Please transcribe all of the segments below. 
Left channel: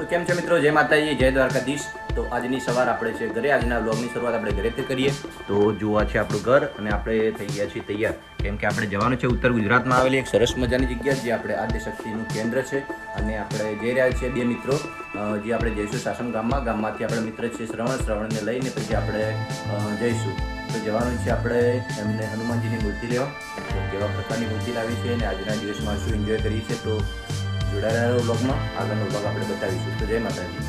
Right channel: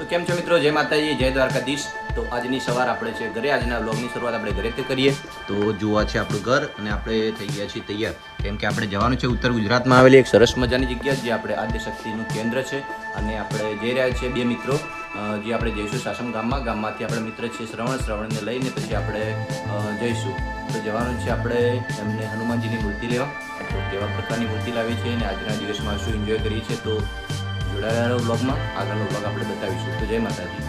તો કેમ છો મિત્રો, જય માતાજી, જય દ્વારકાધીશ। તો આજની સવાર આપણે છે ઘરે, આજના વ્લોગની શરૂઆત આપણે ઘરેથી કરીએ। તો જોવા છે આપણું ઘર અને આપણે થઈ ગયા છીએ તૈયાર, કેમ કે આપણે જવાનું છે ઉત્તર ગુજરાતમાં આવેલી એક સરસ મજાની જગ્યા જે આપણે આદ્યશક્તિનું કેન્દ્ર છે। અને આપણે જઈ રહ્યા છીએ બે મિત્રો, જે આપણે જઈશું સાસમ ગામમાંથી આપણે મિત્ર છે શ્રવણને લઈને પછી આપણે જઈશું। તો જવાનું છે આપણે એમને હનુમાનજીની મૂર્તિ લેવા। તો કેવા પ્રકારની મૂર્તિ લાવી છે અને આજના દિવસમાં શું એન્જોય કરીએ છીએ તો જોડાયેલા વ્લોગમાં આગળનો વ્લોગ આપણે બતાવીશું। તો જય માતાજી।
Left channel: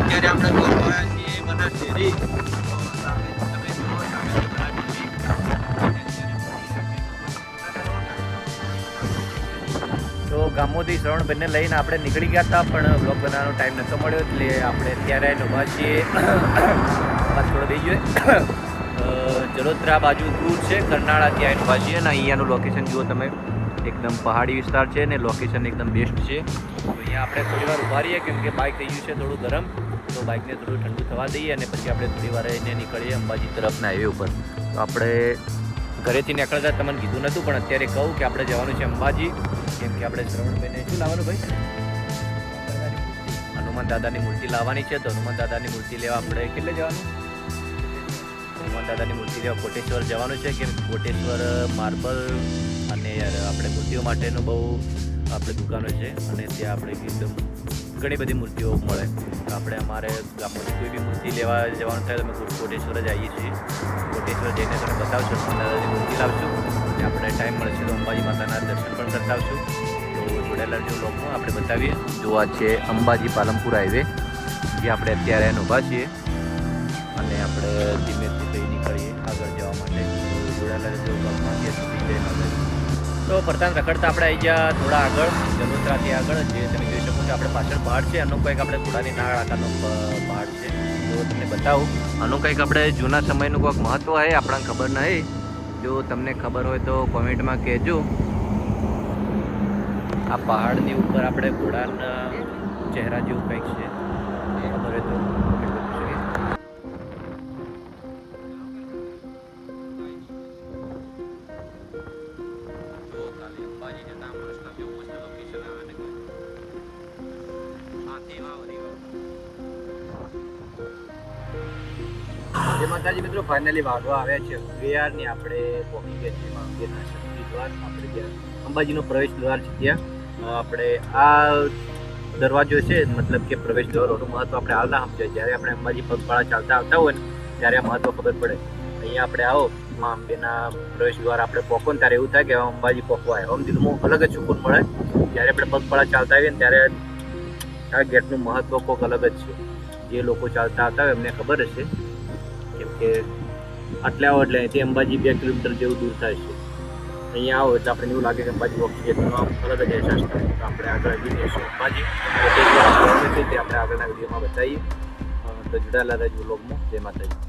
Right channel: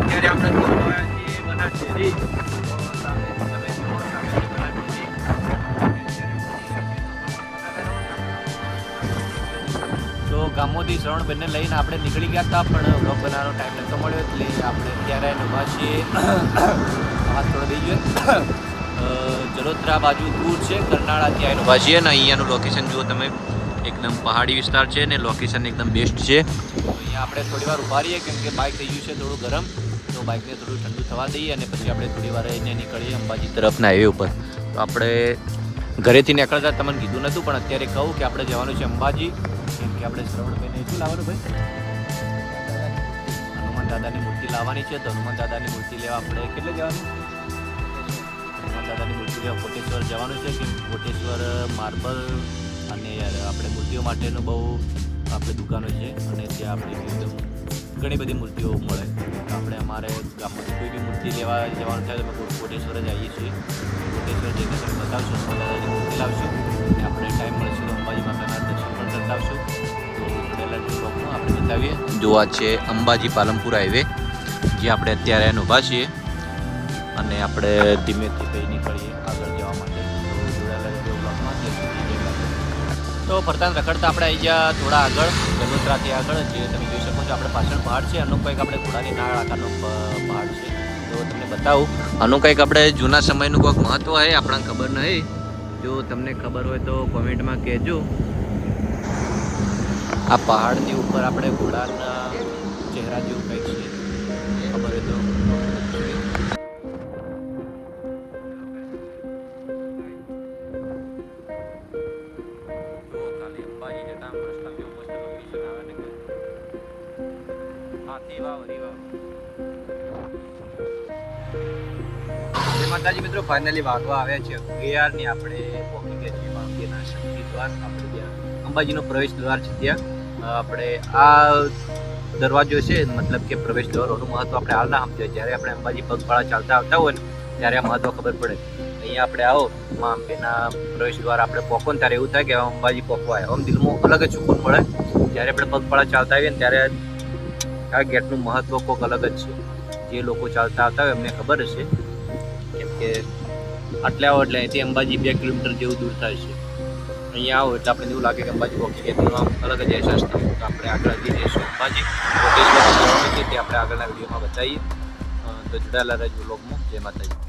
અત્યારે આપણે પહોંચ્યા છીએ બનાસડેરી। તો ગામોથી શ્રવણબેનને લઈને આપણે નીકળી ગયા હતા, પણ વ્લોગ બનાવવાનો ટાઈમ નહોતો મળ્યો, એટલે આપણે અત્યારે ઊભા છીએ। અવાજ થોડો દઈ ગયો। જલોત્રા બાજુ દૂર છે, કરનાળા ત્યાં ઊભા છીએ ને અહીંયાનું લોકેશન જુઓ તમે, એકદમ પહાડી વિસ્તાર છે ને લોકેશન એકદમ બેસ્ટ છે। તો અહીંયા આપણે થોડી વાર ઊભા રહીએ, કેમ કે બાઇક થઈ ગયું છે થોડું ગરમ, તો બાઇકને થોડું ઠંડુ થવા દઈએ અને પછી આપણે થોડી વાર એને નીકળીએ અંબાજી તરફના હાઈવે ઉપર। તો આપણે ઘરેથી નીકળતા તમને કીધું નહોતું, પણ અત્યારે કહું કે આપણે જવાનું છે અંબાજી, કેમ કે આપણે શ્રવણબેને શું લાવવાનું ભાઈ, હનુમાન દાદાની મૂર્તિ લાવવાની છે। તો હનુમાન દાદાની મૂર્તિ લેવા આપણે કેટલે જવાનું, હનુમાન દાદાની મૂર્તિ લેવા કોટેશ્વર જવાનું છે, કેમ કોટેશ્વર માર્બલ અને આપણે મૂર્તિઓ માટેનું બહુ આપણે દુકાનો છે અને ત્યાં આપણે એકદમ ઘણી બધી મૂર્તિઓ મળે। તો આપણે અમારે ગામમાંથી કોઈ બી મૂર્તિ લેવા જવાનું થાય તો અમે કોટેશ્વર જ આવીએ છીએ। કોટેશ્વર જઈને તને બતાવશું, હનુમાન દાદાની મૂર્તિ લાવશું અને આપણે ટાઈમ મળશે તો અંબાજી માતાના દર્શન પણ કરતા આવશું। તો જોડાયેલા જે લોકમાં આપણે બતાવીએ। જો આ છે અંબાજી પાલનપુર હાઈવે, જે આપણે અત્યારે ઊભા છીએ અને આપણે ધીમેથી કઈ નીકળીએ આગળ જવા માટે। તો જોડાયેલા જે લોકમાં તો ફરતા રખડતા આપણે આવી ગયા થોડા આગળ, જલોત્રાથી આગળ, જે તમે જોઈ શકો છો આપણે પાછળ પહાડ છે, આનો કંઈક આપણે ઘોડાની નાળ આકારનો પહાડ છે। તો તમને બતાવું, આનું કંઈક આપણે જૂના સમયનું કોઈક મહત્વ છે, આપણને ખબર નહીં, જો તમને ખબર હોય તો કોમેન્ટમાં કહેજો। આ પહાડની ઉપર આપણે ઘોડાના ચહેરા જેવું કંઈક છે, ખબર હોય તો માતાજી મિત્રો, ફાઇનલી વાગવા આવ્યા છે 11 ની, આપણે પહોંચી ગયા અંબેના શક્તિ દ્વાર, આપણે ત્યાં અંબાજીનો પ્રવેશ દ્વાર છે, ત્યાં આપણે આ દરવાજો છે, મતલબ કે પ્રવેશ દ્વારનું મહત્વ આપણે હાલ ના સમજાય, જ્યારે આપણે અંબાજી પગપાળા ચાલતા આવતા હોય ને ત્યારે આ મહત્વ ખબર પડે। અહીંયા આપણે આવો માં અંબેના પ્રવેશ દ્વાર આપણે પહોંચો ને ત્યારે એવું થાય કે અંબાજી પહોંચવા આવ્યા, આમ દિલમાં અલગ જ સુકૂન મળે। જ્યારે આપણે પગપાળા ચાલતા આવીએ ને ત્યારે આ ગેટનું મહત્વ કોઈક અલગ જ છે, જે લોકો ચાલતા આવતા હોય એમને ખબર હશે, કેમ કે આટલે આવો એટલે અહીંથી અંબાજી 2 કિલોમીટર જેવું દૂર થાય છે। અહીંયા આવો એટલે આપણે એવું લાગે કે અંબાજી પહોંચી ગયા, તેનો આમ અલગ જ અહેસાસ થાય। તો આપણે આગળ હજી જઈશું અંબાજી, જવાનું છે તે આપણે આગળના વિડીયોમાં બતાવીએ। તો જોડાયેલા રહેજો વ્લોગમાં। જય માતાજી।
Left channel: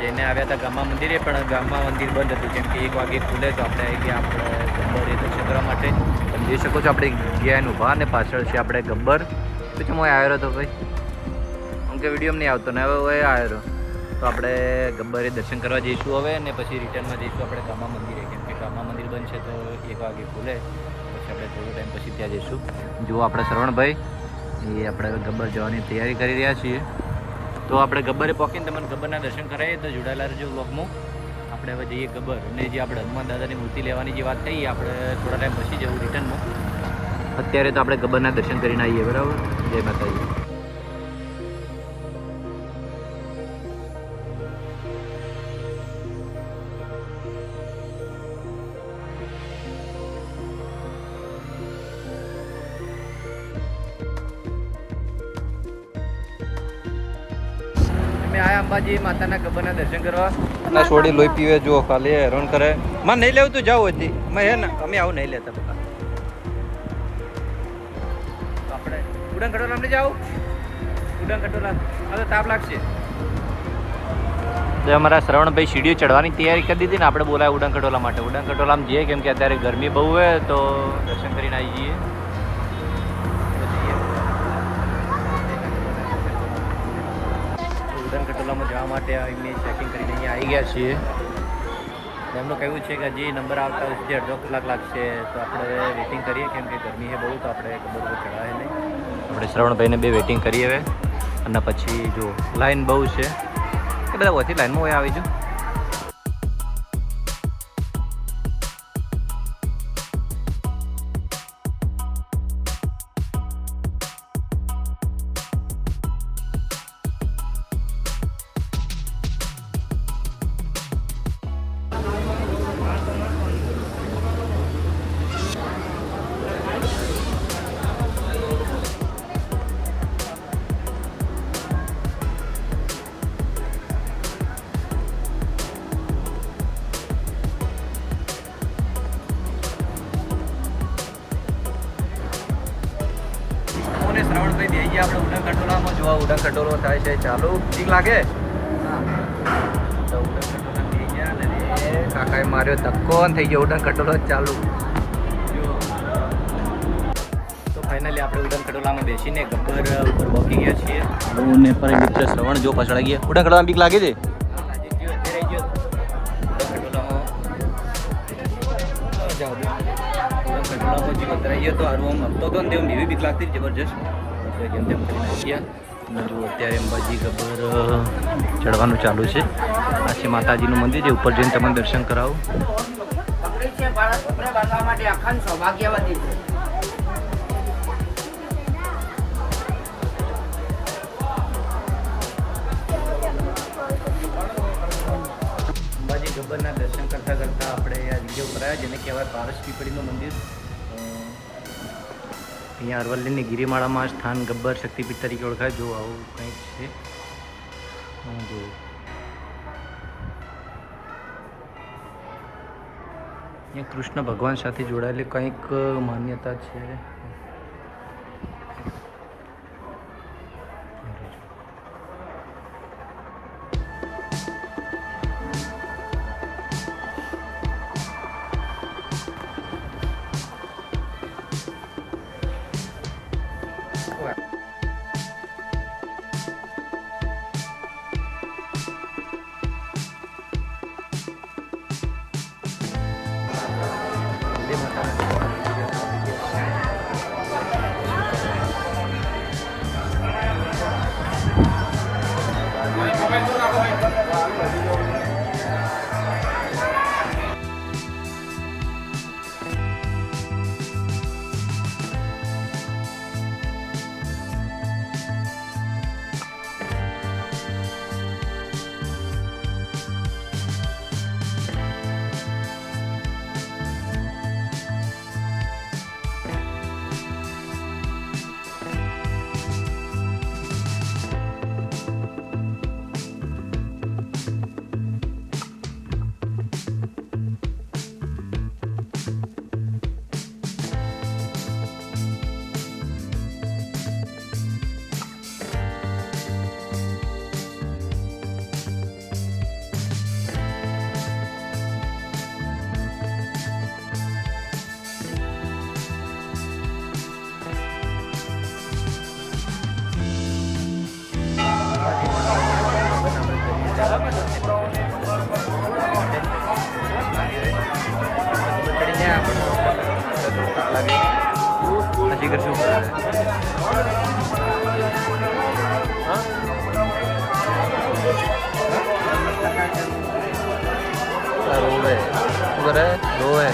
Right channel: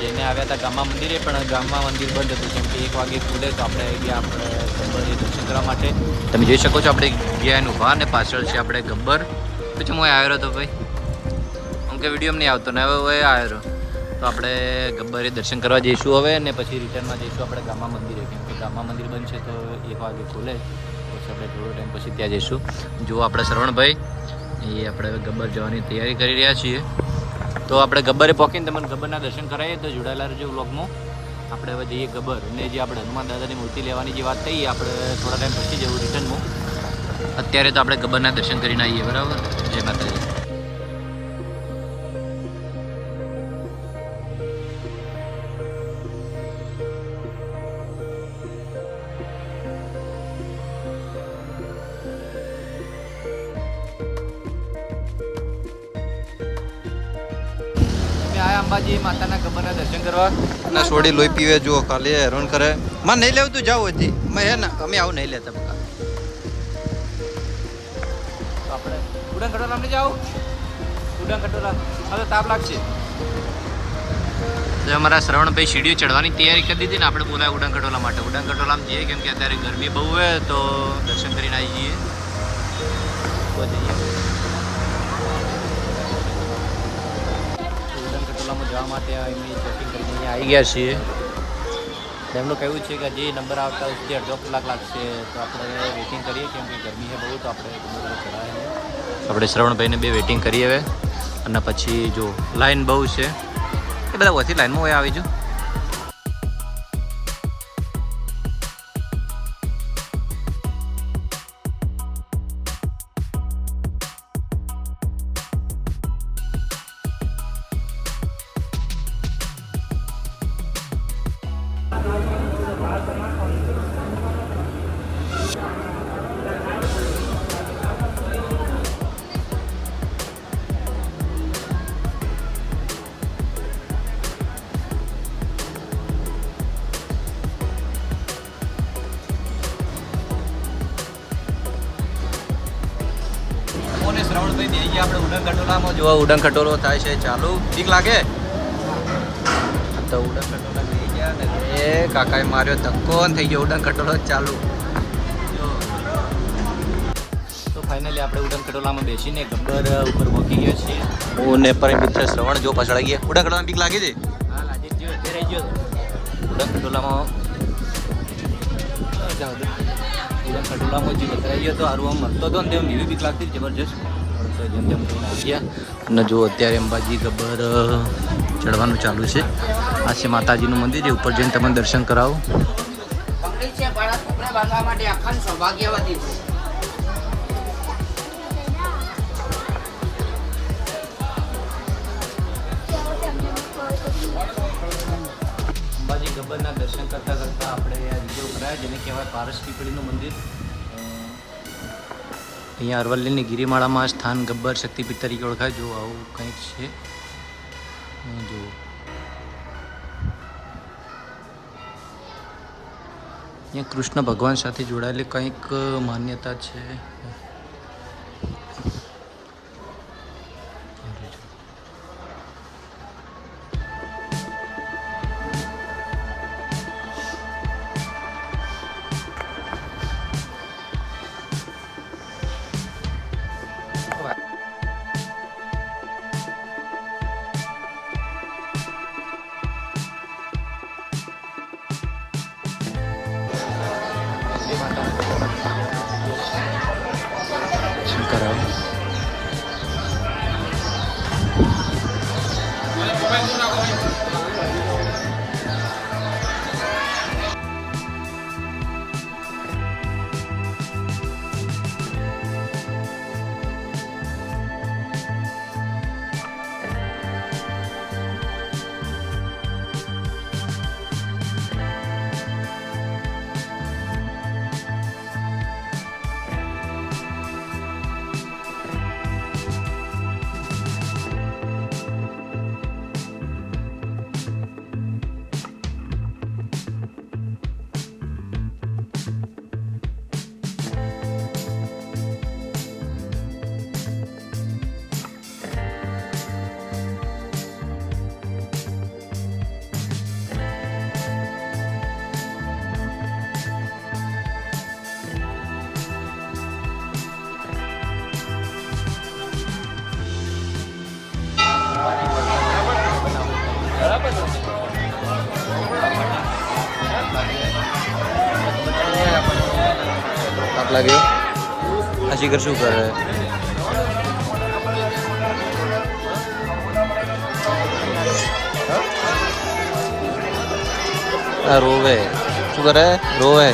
જઈને આવ્યા હતા ગામમાં મંદિરે, પણ ગામમાં મંદિર બંધ હતું, કેમ કે 1 વાગે ખુલે। તો આપણે આવી ગયા આપણે ગબ્બરે દર્શન કરવા માટે। તમે જોઈ શકો છો આપણે ગયા એનું ઊભા ને પાછળ છે આપણે ગબ્બર। પછી હું આવ્યો હતો ભાઈ, હું કે વિડીયો નહીં આવતો ને હવે આવ્યો રહ્યો। તો આપણે ગબ્બરે દર્શન કરવા જઈશું હવે, ને પછી રિટર્નમાં જઈશું આપણે ગામમાં મંદિરે, કેમ કે ગામમાં મંદિર બંધ છે તો 1 વાગે ખુલે, પછી આપણે થોડો ટાઈમ પછી ત્યાં જઈશું। જુઓ આપણે શ્રવણભાઈ એ આપણે ગબ્બર જવાની તૈયારી કરી રહ્યા છીએ। તો આપણે ગબ્બરે પહોંચીને તમને ગબ્બરના દર્શન કરાવીએ। તો જોડાયેલા રહેજો વ્લોગમાં। આપણે હવે જઈએ ગબ્બર, અને જે આપણે હનુમાન દાદાની મૂર્તિ લેવાની જે વાત કહીએ આપણે થોડા ટાઈમ પછી જવું રિટર્નમાં। અત્યારે તો આપણે ગબ્બરના દર્શન કરીને આવીએ, બરાબર। જય માતાજી। આયા અંબાજી માતાના ગબ્બરના દર્શન કરવા, ના છોડી લોહી પીવે, જો ખાલી હેરાન કરે। માં નહીં લેવું તું જાવ હતી, મેં હે ને અમે આવું નહીં લેતા બકા। આપણે ઉડાન કટોરા આપણે જાવ, ઉડાન કટોરા હવે તાપ લાગશે। તો અમારા શ્રવણભાઈ સીડીઓ ચડવાની તૈયારી કરી દીધી ને, આપણે બોલાય ઉડાન કટોલા માટે। ઉડાન કટોલામાં જઈએ, કેમ કે અત્યારે ગરમી બહુ હોય, તો દર્શન કરીને આવી જઈએ। જવા માટે એમની ચેકિંગ કરીને અહીંયા આવી ગયા છીએ. એમનું કહેવું છે કે હજી નંબર આવતા સુધી અડધો કલાક લાગશે, તો આપણે વેઇટિંગ કરીએ કેમ કે ગરમી છે બહુ, તો આપણે ગબ્બર ઉપર ચડાવે નહીં. આપણે શ્રવણભાઈને બે વેઇટિંગ કરીએ હવે, અને પછી જો લાઈન બહુ છે એ બધા ઓછી લાઈનમાં હોય આવી જો. શ્રવણભાઈ દઈ ગયા આપણે ઉડન ખટોલામાં. જો ઉડન ખટોલો થાય છે ચાલુ. ઠીક લાગે તો ઉડન ખટોલા દઈ ગયા ને એ કાકાએ માર્યો ધક્કો ને થઈ ગયો ઉડન ખટોલો ચાલુ. તો ફાઇનલી આપણે ઉડન ખટોલામાં બેસીને ગબ્બર ઉપર પહોંચી ગયા છીએ. હું ને પર મિત્ર શ્રવણ જો પછડાઈ ગયા. ઉડન ખટોલામાં બીક લાગે છે? ઉડન ખટોલામાં જે વતરાઈ ગયો તો હારું આમ મળતો હતો ને તેમ એવી બીક લાગતી જબરજસ્ત. જેમ તેમ કરીને આવી ગયા અને જો અત્યારે અંબાજી ગબ્બર ચડવાનું ચાલુ છે. આ છે માતાજીનું મંદિર, એ ઉપર જઈને તમને દર્શન કરાવું. અંબાજી ગબ્બરના દર્શન કરતાં કરતાં આપણે આ જગ્યા ઉપર આવ્યા જેને કહેવાય પારસ પીપળીનું મંદિર. અહીંયા અરવલ્લીની ગિરિમાળામાં સ્થાન ગબ્બર શક્તિપીઠ તરીકે ઓળખાય. જો આવું કંઈક છે. જો અહીંયા કૃષ્ણ ભગવાન સાથે જોડાયેલી કંઈક માન્યતા છે. અશીકર શું કરે? રોવે શું કરે? રોવે.